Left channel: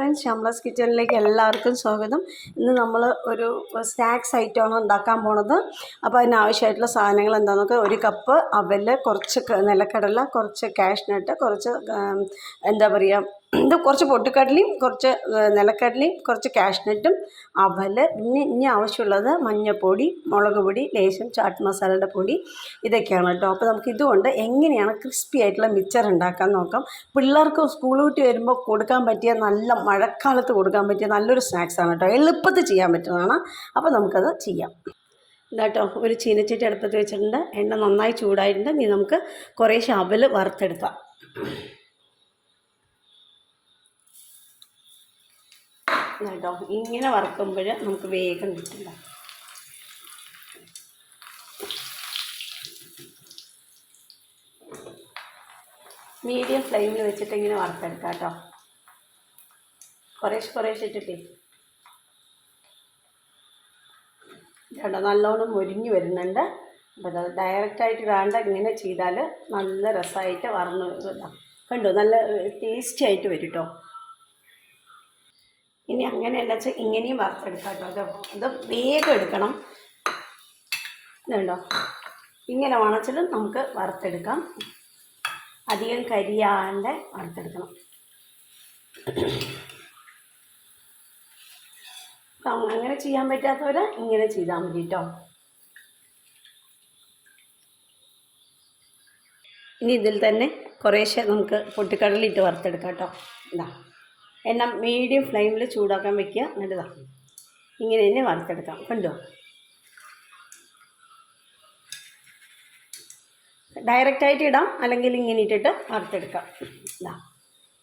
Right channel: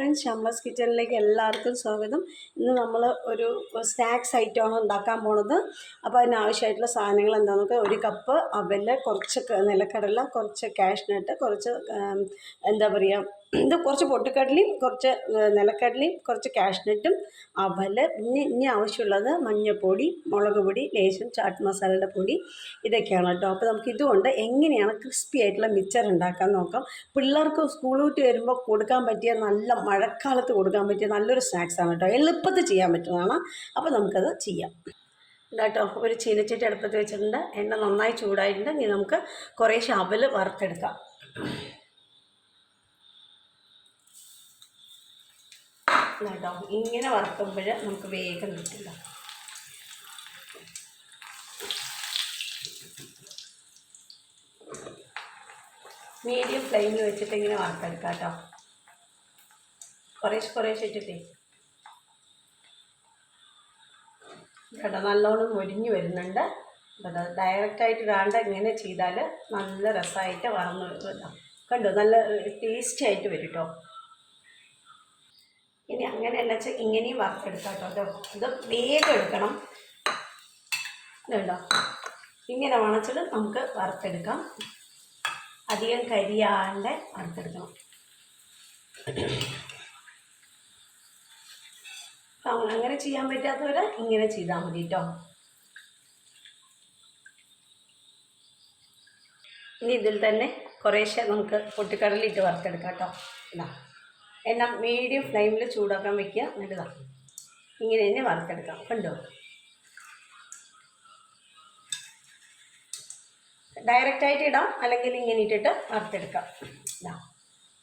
Friends, Shamla's കിച്ചണിലേക്ക് എല്ലാവർക്കും സ്വാഗതം. ഇന്ന് നമ്മൾ ഒരു സ്നാക്സ് ഐറ്റമാണ് ഉണ്ടാക്കാൻ പോണത്. അപ്പോൾ അതിനാവശ്യമായിട്ടുള്ള സാധനങ്ങൾ എന്താണെന്നൊക്കെ, ഒരു കപ്പ് അവൽ, കുറച്ച് നിലക്കടല, കുറച്ച് കാഷ്നട്ട്, കുറച്ച് എന്താ പറയുക, ഇത് കുറച്ച് പൊട്ടുക്കടലയും കുറച്ച് നിലക്കടലയും കുറച്ച് കാഷ്നട്ടും അവൽ, പിന്നെ ഇനി ആവശ്യമുള്ളത് മഞ്ഞൾപ്പൊടി, മുളക് പൊടി, ലേശം ചാട്ട് മസാലയുടെ പൊടി, ഇതൊക്കെയാണ് കേട്ടോ. അപ്പോൾ നമുക്ക് ഇതുകൊണ്ട് എങ്ങനെയാണ് ക്രിസ്പി ആയിട്ടുള്ള മിച്ചർ ഉണ്ടാക്കാൻ നോക്കാം. പിള്ളേർക്ക് സ്കൂൾ വിട്ട് വരുമ്പോൾ കൊടുക്കാൻ പറ്റിയ, നല്ല മഴക്കാലത്ത് കൊടുക്കാൻ പറ്റിയ നല്ലൊരു സ്നാക്സാണ് കേട്ടോ. എളുപ്പത്തിൽ ചെയ്യാൻ പറ്റുന്നതാണ്. അപ്പോൾ നമുക്കത് ചെയ്യാം. ഇതാട്ടോ, ഒരു ചീനച്ചട്ടി അടുപ്പത്ത് വെച്ചിട്ടുണ്ട്. എണ്ണ നന്നായി ചൂടായിട്ടുണ്ട്. ഇനി നമുക്ക് കുറേശ്ശെ അവൽ വറുത്തെടുക്കാം. കേട്ടോ, ഇങ്ങനെ വറുക്കുമ്പോൾ നമുക്ക് വേഗം കിട്ടില്ല. മീഡിയം ഫ്ലെയിമിൽ വെച്ചിട്ട് ഇങ്ങനെ വറുത്തെടുക്കാം കേട്ടോ. കുറേശ്ശെ ഇട്ടിട്ടേ കേട്ടോ, നല്ലോണം മൊരിഞ്ഞ് വരുന്നുണ്ട്. അപ്പോൾ അത് ഡയറക്റ്റായിട്ട് വേണ്ട, ഇങ്ങനെ ചെയ്താൽ നല്ല രസമായിട്ട് വറന്ന് കണ്ടോ, നല്ല ടേസ്റ്റി ആയിട്ട് വരും കേട്ടോ. ഇനി അങ്ങനെയല്ല വെച്ചാൽ ഇങ്ങനെയും വറുത്തെടുക്കാം കേട്ടോ. ഇത് വേഗം എടുക്കണം. ഇതുണ്ടോ, ഇങ്ങനെ ഉണച്ചിട്ട് നമുക്ക് വറുത്തെടുക്കാം. അധികം കരിയാണ്ട് വറുത്തെടുക്കണം. അങ്ങനെ ചെയ്യാൻ പറ്റാത്തവർ ഇങ്ങനെ ചെയ്താൽ മതി കേട്ടോ. ഇനി ഇതിൽ തന്നെ കുറേശ്ശെ നമുക്ക് പൊട്ടിക്കടലിട്ട് വറുത്തെടുക്കാം കേട്ടോ. ഇതാ, എണ്ണ മീഡിയം ഫ്ലെയിമിൽ ചൂടാക്കാൻ വയ്ക്കുക. എന്നിട്ട് ഇങ്ങനെ തന്നെ വറുത്തെടുക്കാം. കണ്ടോ, ഡയറക്റ്റായിട്ട് ഇടാം, അല്ലെങ്കിൽ ഇങ്ങനെ ഇട്ടിട്ട് വറുത്തെടുക്കാം. ഇതാ,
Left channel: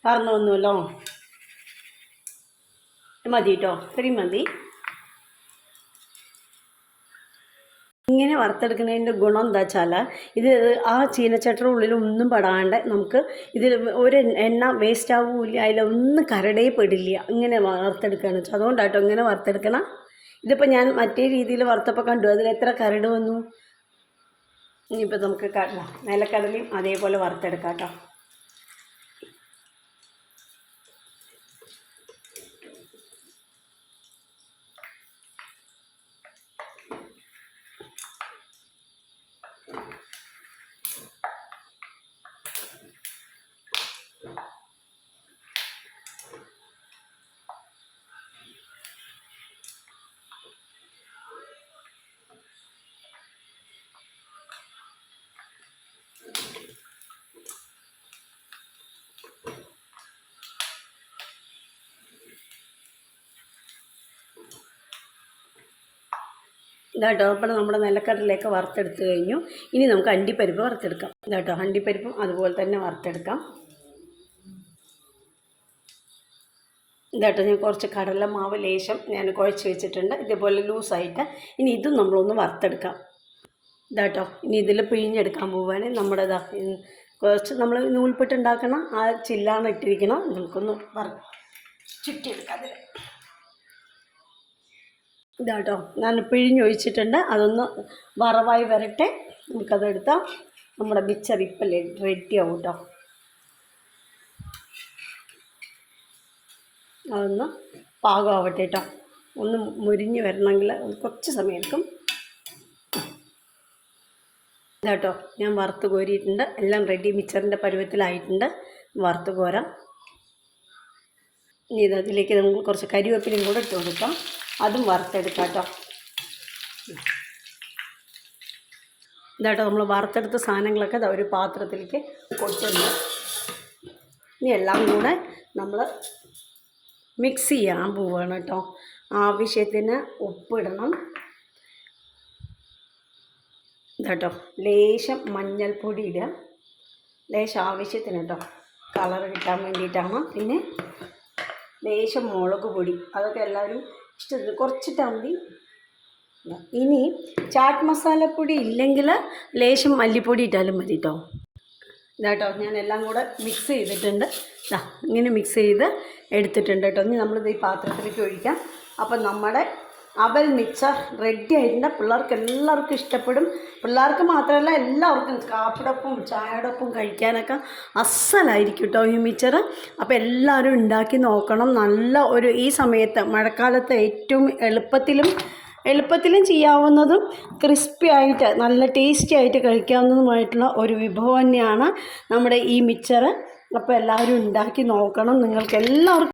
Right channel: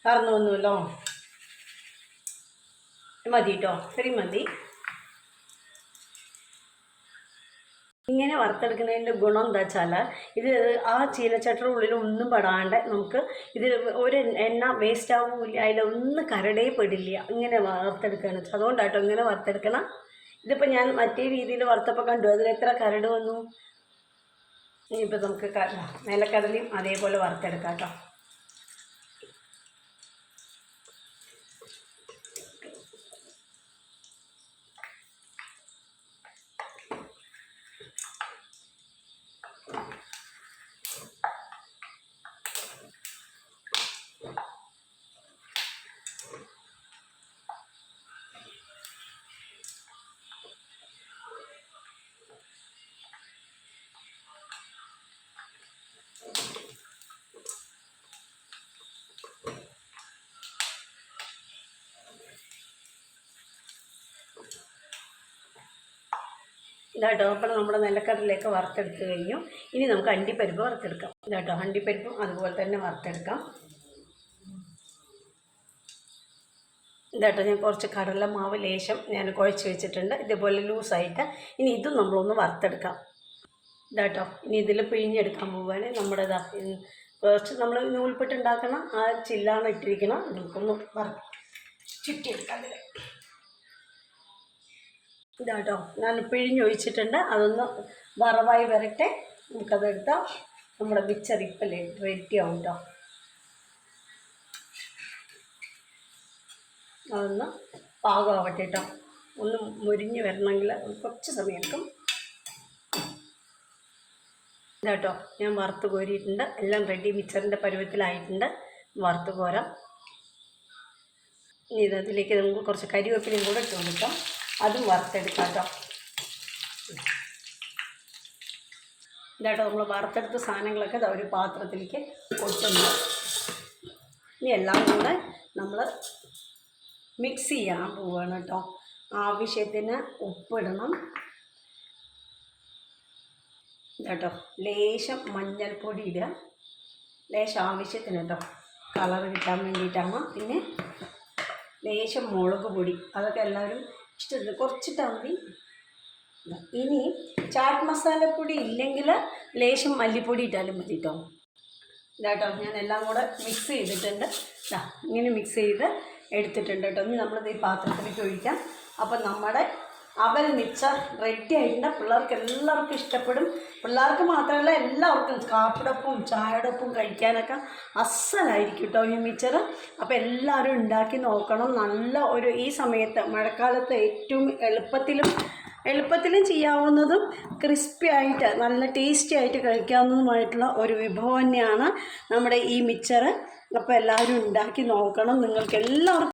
വറന്നൊന്നുമല്ലോ, മതി കേട്ടോ, ഇത്രയും മതി. ഇങ്ങനെ വറുത്തെടുക്കുന്നതിൻ്റെ ഗുണം എന്താ വെച്ചാൽ, ഇത് ആ ചീനച്ചട്ടിയുടെ ഉള്ളിൽ ഒന്നും പെടാണ്ട് നമുക്ക് ഇതിൽ ഒരു എണ്ണ വേസ്റ്റ് ആവില്ല, അതിലൊന്നും കരടേ പെടില്ല. ഇങ്ങനെ വറുത്തെടുക്കുകയാണ് വെച്ചാൽ, അതുകൊണ്ടാട്ടോ ഇങ്ങനെ വറുത്തെടുക്കണം. ഇതിപ്പോൾ ഞാൻ മറ്റേ രീതിയിൽ വറുത്തപ്പോൾ കണ്ടു, അതിൽ എത്ര കരട് വന്നു. ഇനിയിപ്പോൾ നമുക്ക് നിലക്കടലയും അതേപോലെ വറുത്തെടുക്കാം കേട്ടോ. ഇതാട്ടോ, അപ്പോൾ നമ്മുടെ നിലക്കടലിലേക്ക് വറുത്തെടുത്ത് കഴിഞ്ഞു. ഇനി നമുക്ക് അണ്ടിപ്പരിപ്പ് വറുത്തെടുക്കാം. ഇതാട്ടോ, അണ്ടിപ്പരിപ്പും അതുപോലെ തന്നെ വറുത്തെടുക്കാം. ഇതാട്ടോ, ഞാൻ കുറച്ച് കടലമാവ് ലേശം ഞാൻ കുഴച്ച് വെച്ചിട്ടുണ്ട്, ഇതേപോലെ ലൂസായിട്ട്. ഇനി ഇതും നമ്മളൊന്ന് വറുത്തെടുക്കാം. ഇതാട്ടോ, ഇനി ഇതിൽ പിഴിഞ്ഞെടുക്കാൻ പോവുകയാണ്. നമ്മുടെ കുറച്ച് നമ്മൾ നൂൽപ്പെട്ടുണ്ടാക്കണം, ആ ചില്ലാണ് ഇട്ടിരിക്കണം. നമുക്കൊന്ന് ചുറ്റിയെടുക്കാം. ഇതാട്ടോ, ഞാൻ പിഴിഞ്ഞൊഴിച്ചിട്ടുണ്ട്. അതൊന്ന് വറവായി വരട്ടെ. നമുക്കതെടുത്താൽ നമ്മുടെ മിച്ചർ ഇപ്പം റെഡി ആവും കേട്ടോ. അതൊന്ന് പാകമാവട്ടെ കേട്ടോ. ഒന്ന് മുരിഞ്ഞ് വരണമെങ്കിൽ കുറച്ച് സമയം എടുക്കും. ഇതാട്ടോ, ഞാൻ വറുത്ത് കോരിയിട്ടുണ്ട്. എല്ലാം റെഡി, മിച്ചറിൻ്റെ പരുവത്തിലായിട്ടുണ്ട്. വറുത്ത് കോരാം. ഇനി ഇതിലേക്ക് നമുക്ക് കുറച്ച് കരിവേപ്പിലയും കൂടെ ഇട്ട് കൊടുക്കാം. അതും വറുത്തെടുക്കാം കേട്ടോ. ഇതാട്ടോ, നമ്മൾ വറുത്തെടുത്ത സാധനങ്ങളൊക്കെ ഒരു പാത്രത്തിലേക്ക് കൊണ്ടുവന്നു. ഇനി എല്ലാം കൂടെ നമ്മൾ മിക്സ് ചെയ്യാൻ പോവുകയാണ് കേട്ടോ. ആവശ്യത്തിന് ഉപ്പിടണം. ഇതാട്ടോ, ലേശം മഞ്ഞൾപ്പൊടി ഇടുക, ലേശം ആവശ്യത്തിന് കേട്ടോ, കളർ കിട്ടാൻ വേണ്ടിയിട്ടാണ്. പിന്നെ ലേശം മുളക് പൊടി, അതൊക്കെ എല്ലാവരും ഇഷ്ടത്തിന് കുറച്ചിട്ടാൽ മതി. ഇനി ചാട്ട് മസാലപ്പൊടി ഇല്ലെങ്കിൽ ലേശം മല്ലിപ്പൊടി ഇട്ടാലും മതി കേട്ടോ. ഇതാട്ടോ, ഞാൻ എല്ലാം കൂടെ മിക്സ് ചെയ്തിട്ടുണ്ട്. ഇങ്ങനെ മിക്സ് ചെയ്ത് എടുത്തിട്ടുണ്ട് കേട്ടോ. ഇനി നമ്മളിത് ഈ പാത്രത്തിലേക്ക് ഒഴിക്കാം. അപ്പം നമ്മുടെ അവൽ മിക്സർ റെഡി ആയിട്ടുണ്ട്. പിള്ളേർക്ക് എല്ലാവർക്കും ഇഷ്ടപ്പെടും. പിള്ളേർക്ക് മാത്രമല്ല എല്ലാവർക്കും കാപ്പിടൊപ്പം ചായയോടൊപ്പം കഴിക്കാനൊക്കെ അസ്സലായിരിക്കും കേട്ടോ ഈ മിക്സർ. അപ്പോൾ എല്ലാവരും ഉണ്ടാക്കി നോക്കണം. നല്ല ഒരു ഈ സമയത്ത് മഴക്കാലത്ത് ഏറ്റവും എളുപ്പത്തിലും ചെയ്യാവുന്നതും ക്രിസ്പി ആയിട്ട് നല്ല ടേസ്റ്റി ആയിട്ട് കഴിക്കാവുന്നതുമായിട്ടുള്ള ഒരു വിഭവം തന്നെയാണ് നമ്മുടെ ഈ മിക്സർ. അപ്പോൾ എല്ലാവരും ഉണ്ടാക്കി നോക്കണം. നിങ്ങൾക്ക് എല്ലാവർക്കും